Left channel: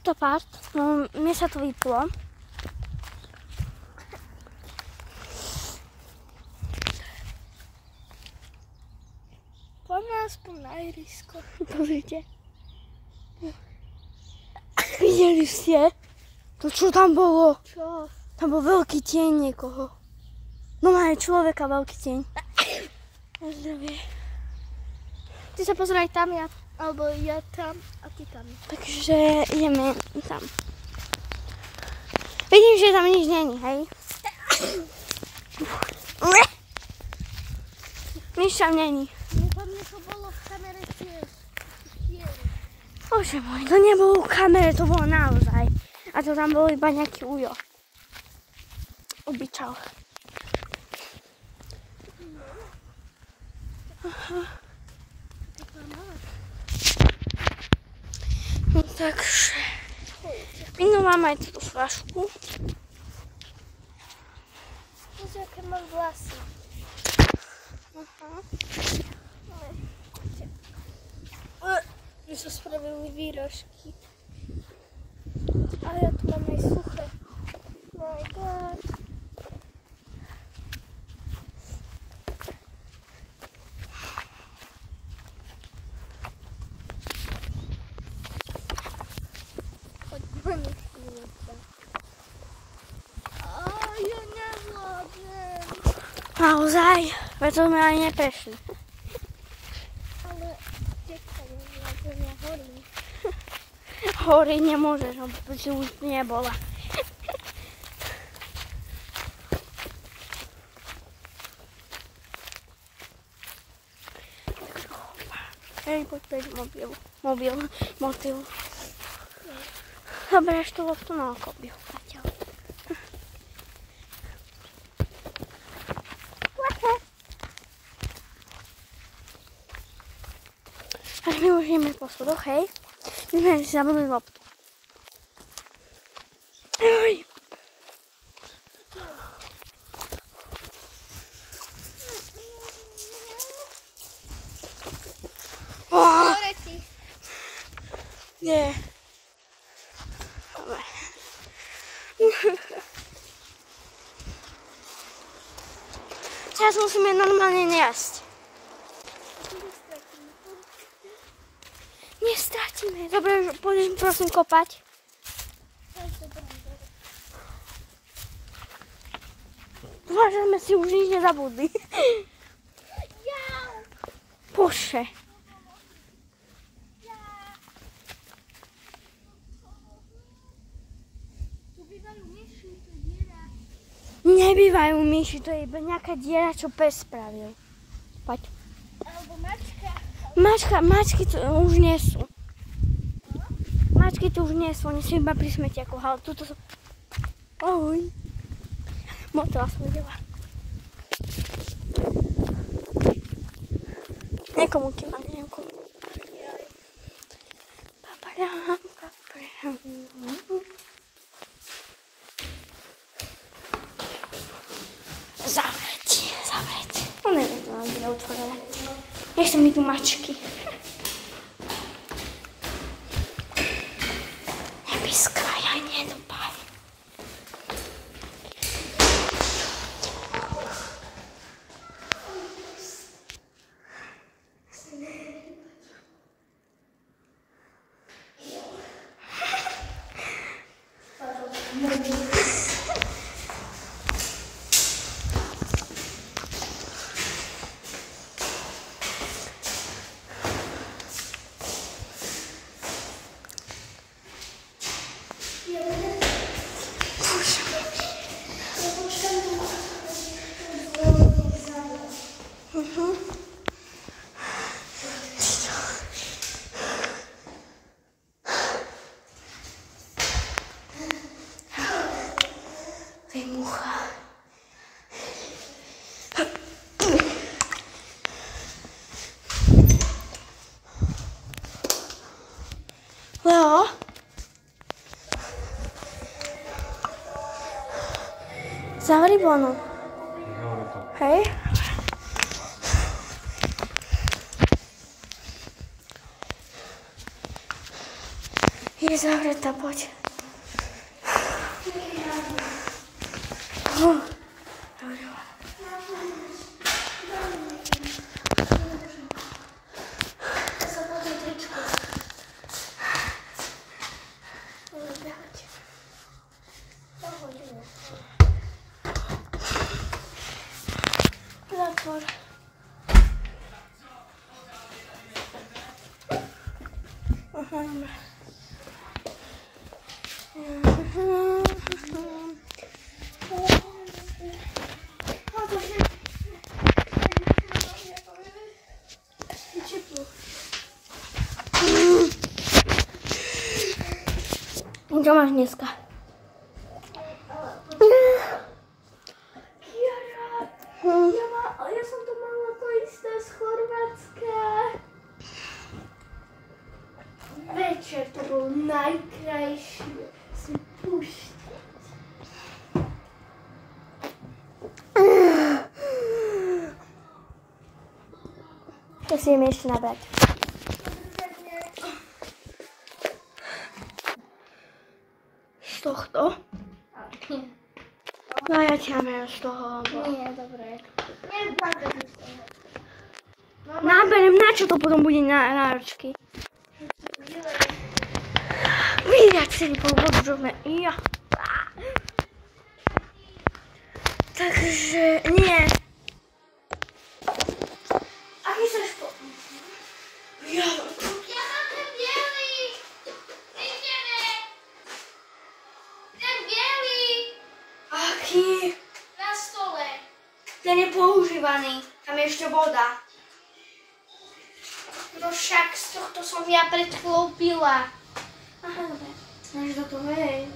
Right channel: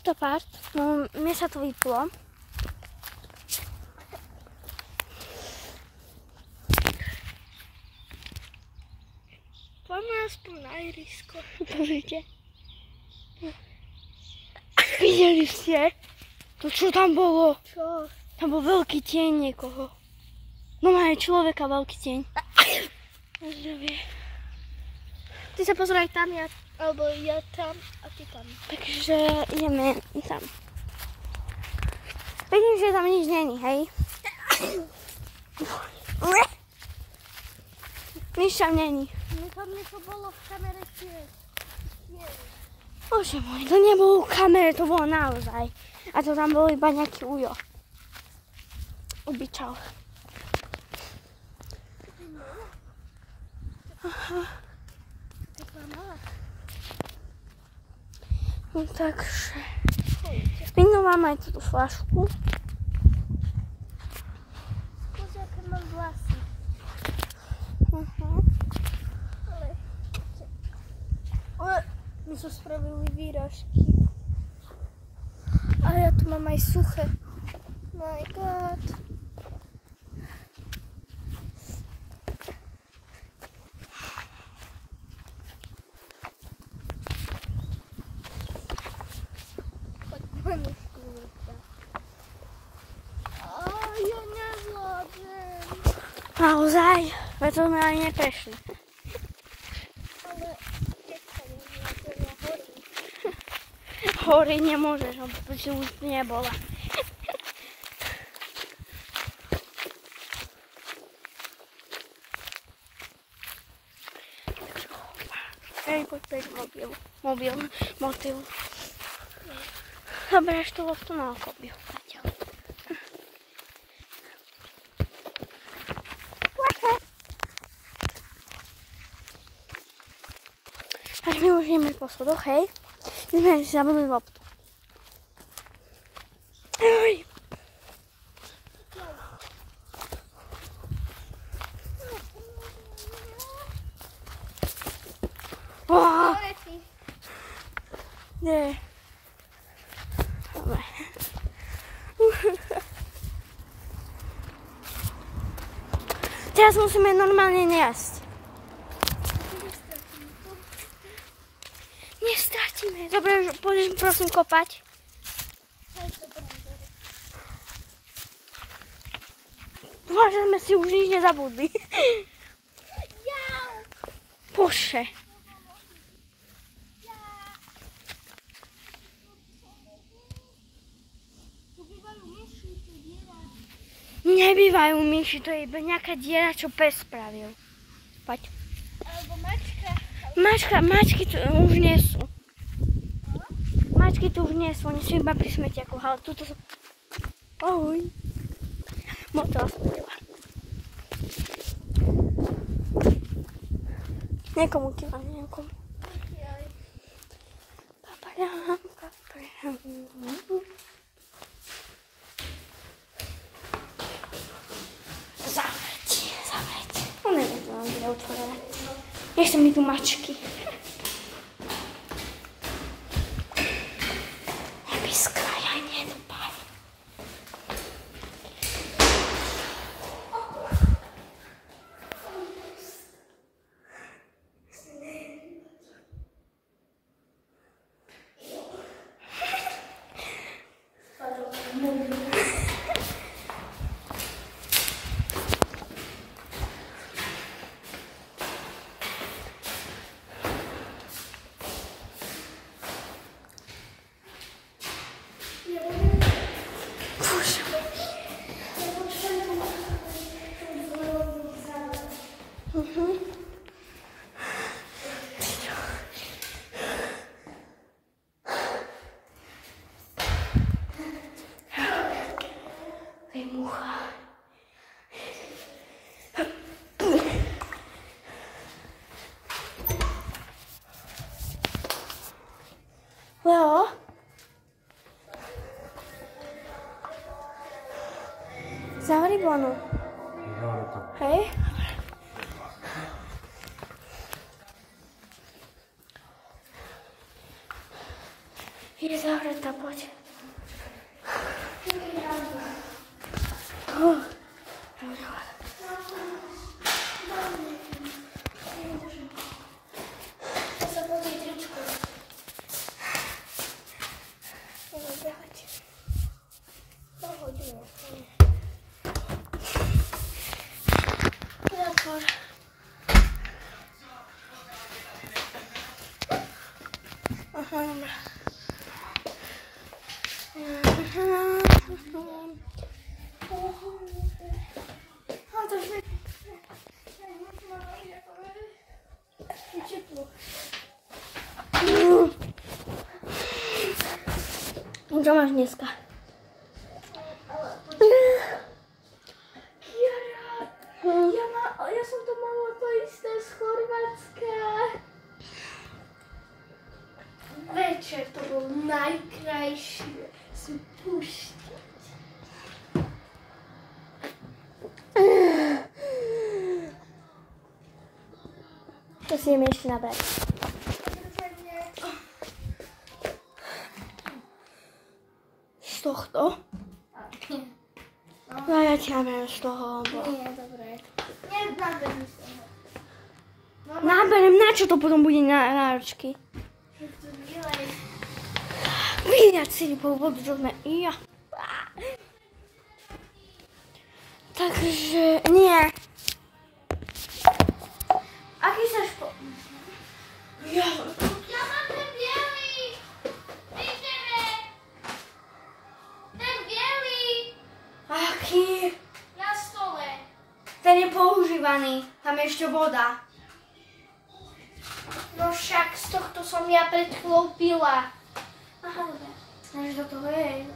To part, no mne sa to vyplo. Poďme aspoň na ihrisko. Pozrite. Videli ste? To čo tam bolo? Čo? Tam bol veľký tieň niekoho. No má aj človeka veľký tieň. Na zdravie. Ty sa pozeraj tam, alebo ja tam a ty tam. Takže ideme tam. Vidím, že tam nič není, hej? Nič tam není. Tam niečo bolo v kamere tiež. Bože môj, to nebolo v kamere, to bolo naozaj. A to tam bol iba nejaký ujo. Ubytal. Aha. No takže... Vyndám vám aj túto fľašku. Pozri, aké mám vlasy. Aha. My sa spravili výražky. A ja tu mám aj suché. My God. Ja nevládnem. Naozaj? Veď to sme ani neprešli. Ale keď sa nevládnem, ja horím. Horiť nemôžeš, lebo si už nebola. Hej, poď preč mobil. Zaberieš tú loptu na okobiu. Tak my už ideme po schodoch, hej? My sme si zabudli loptu. Oj! Nie. Dobre. Teraz musíme normálne jesť. Nestratíme. Dobre, pôjdeš prosím kopať. Dúfam, že sme si už nič nezabudli. Bože. Nebývajú myši, to je iba nejaká diera, čo pes spravil. Poď. Alebo mačka. Mačky tu už nie sú. Mačky tu už nie sú, oni sú iba pri smetiaku, ale tuto sú... Ahoj. Motela smedela. Niekomu ti mám, niekomu. Papadám. Zaveď. No neviem, to mám bude otvorené. Nechcem mi tu mačky. Nepískaj, aj nedopaj. Mucha. Leo? Zavri bonu. Hej? Je zavretá, poď. Zatvor. Aha, dobra. Čo máš dneska? Ja som to mala to isté z Chorvátska. Večer to bol najkrajší. Si púšťať. To si ideme ešte nabrať. Z tohto? No ja ti naberiem z toho. Nie, dobre. Naberiem z toho. Naberiem, na čo to potom bude náročky? Vydať si po vodu do mňa. Ja. Takže, nie. Aký sa špo... Ja. Ja mám ten bielý. Vidíme. Ten bielý. Aký? Na stole. Ten je používaný. Tam je ešte voda. No však z tohto som ja pred chvíľou pila. Aha, dobre. Než do toho, hej.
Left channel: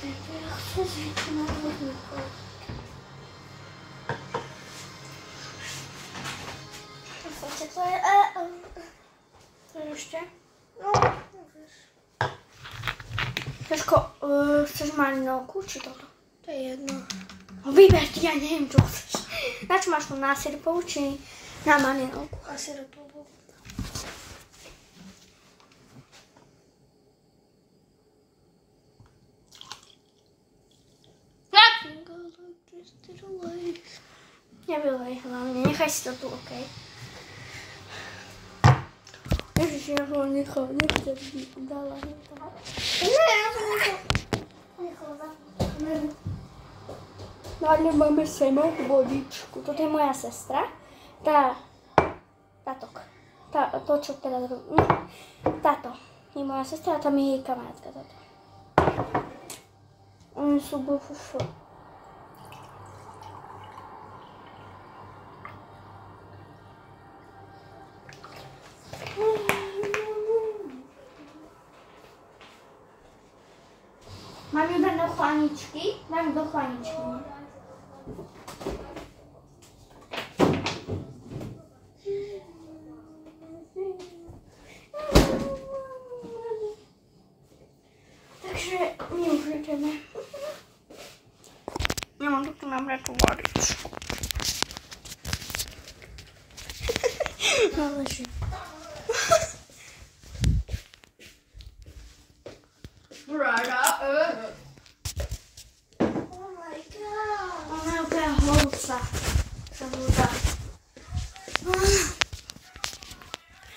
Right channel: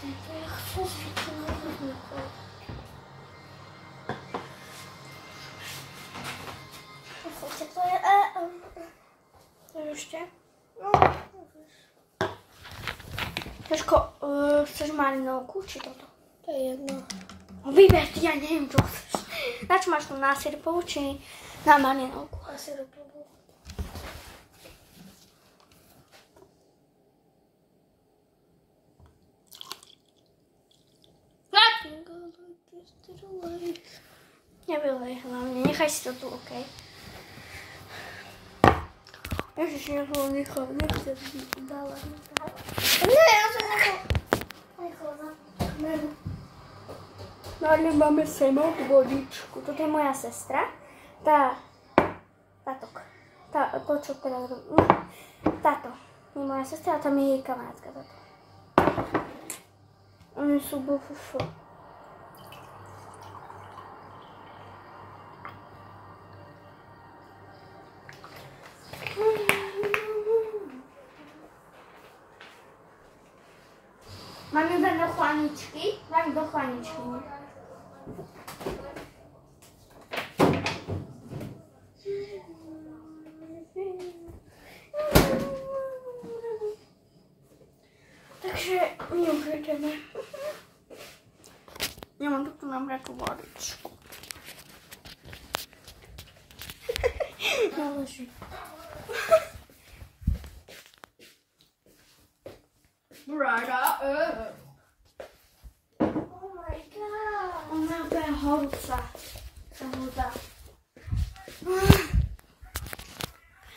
Ja chcem zvyknúť na techniku. To je... To je ešte? No, Saško, chceš marinovku, či toto? to je jedno. No vyber, ja neviem, čo chceš. Na čo máš tu na syrupovú, či na marinovku? A syrupovú. Nevylej hlavne, nechaj si to tu, okej? Ježiš, ja ho nechal, nechcem dala. Nie, ja som nechala. No ale máme sem vodičku. Toto je moja sestra. To, čo teraz robím. Táto je moja sestra a tam je jej kamarátka. Táto. Oni sú bufufu. Mám iba do chlaničky. Dám do chlaničky. Takže my už ideme. Nemám tu nabrať tú vodičku. Naleží. Oh my god. Nejaká holca.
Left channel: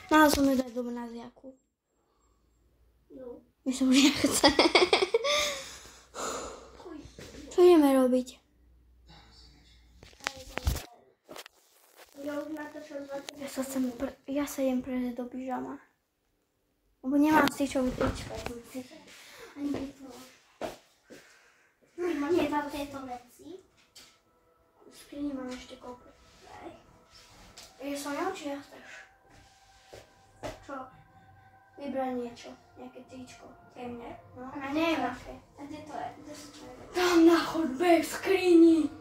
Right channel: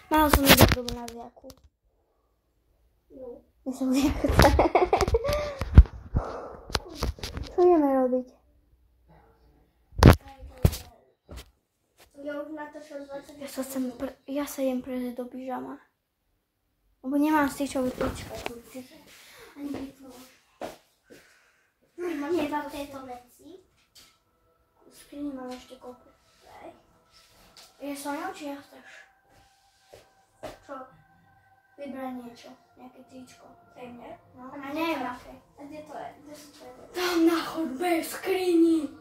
Mala som ísť do gymnáziaku. No. Myslím, že nechce. Čo ideme robiť? Ja sa idem prejsť do pyžama. Lebo nemám styčový trička. Ani vytvoř. Nie dal tieto veci. V skrini mám ešte kopu. Je so mnou, či ja chceš? Čo? Vybrať niečo. Nejaké tričko. Temne. No. A neviem aké. A kde to je? Kde sú tvoje veci? Tam na chodbe v skrini.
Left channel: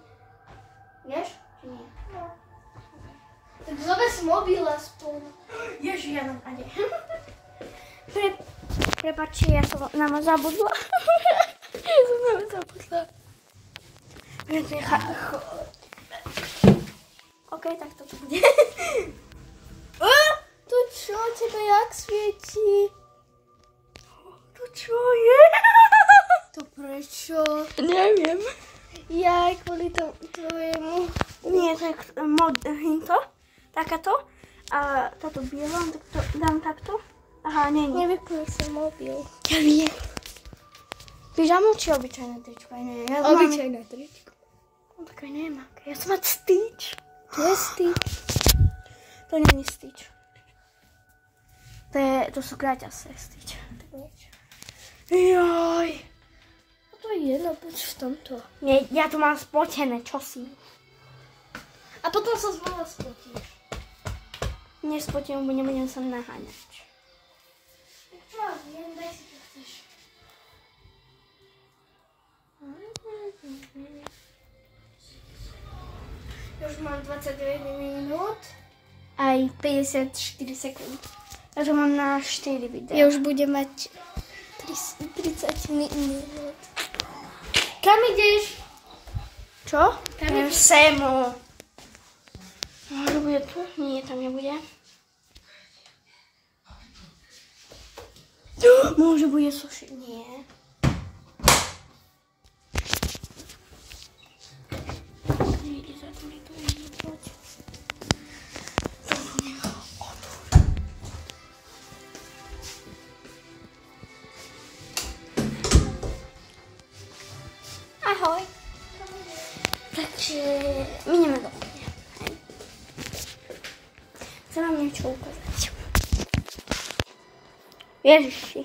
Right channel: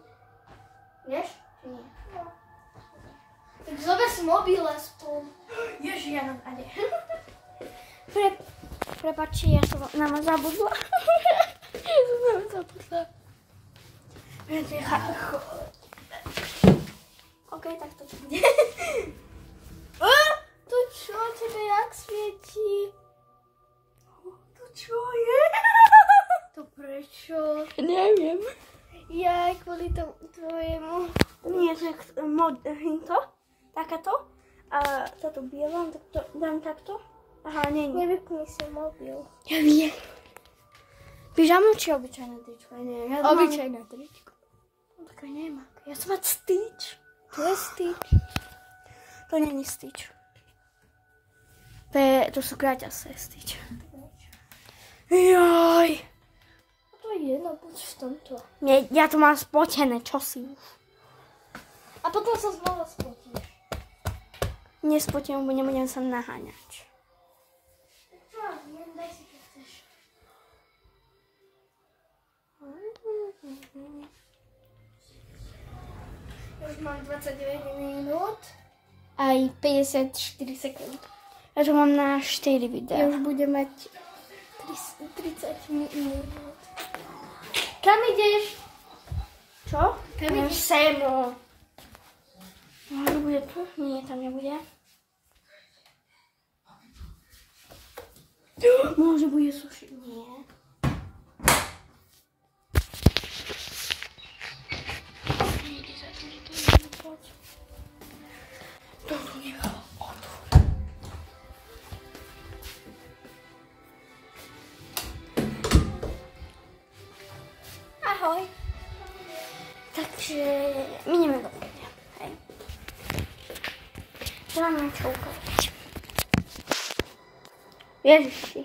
Vieš? Či nie? No. Tak zober si mobil aspoň. Ježi, ja mám ade. Prepáčte, ja som na vás zabudla. Ja som na vás zabudla. OK, tak to bude. Tu čo? Tebe jak svieti? Čo je? To prečo? Neviem. Ja kvôli tvojemu. Nie, to je hinto. Takáto. A táto biela, tak to dám takto. Aha, nie. Nevypni sa mobil. Ja viem. Pyžamo či obyčajné tričko? Ja Obyčajné tričko. Také nemám. Ja som mať Stitch. To je Stitch. To nie je Stitch. To sú kraťasé Stitch. Joj. To je jedno, buď v tomto. Nie, ja to mám spotené, čo si? A potom sa znova spotíš. Nespotím, bo nebudem sa naháňať. Tak čo, jen daj si čo chceš. Ja už mám 29 minút. Aj 54 sekúnd. Ja to mám na 4 videá. Ja už budem mať 30 minút. Kam ideš? Čo? Kam ideš? Semu. Môže bude tu? Nie, tam nebude. Môže bude suši. Nie. Nejde za to, že to nie poď. To nechá otvor. Ahoj. Takže my ideme do kuchyne. Hej. Že mám niečo ukázať. Ježiši.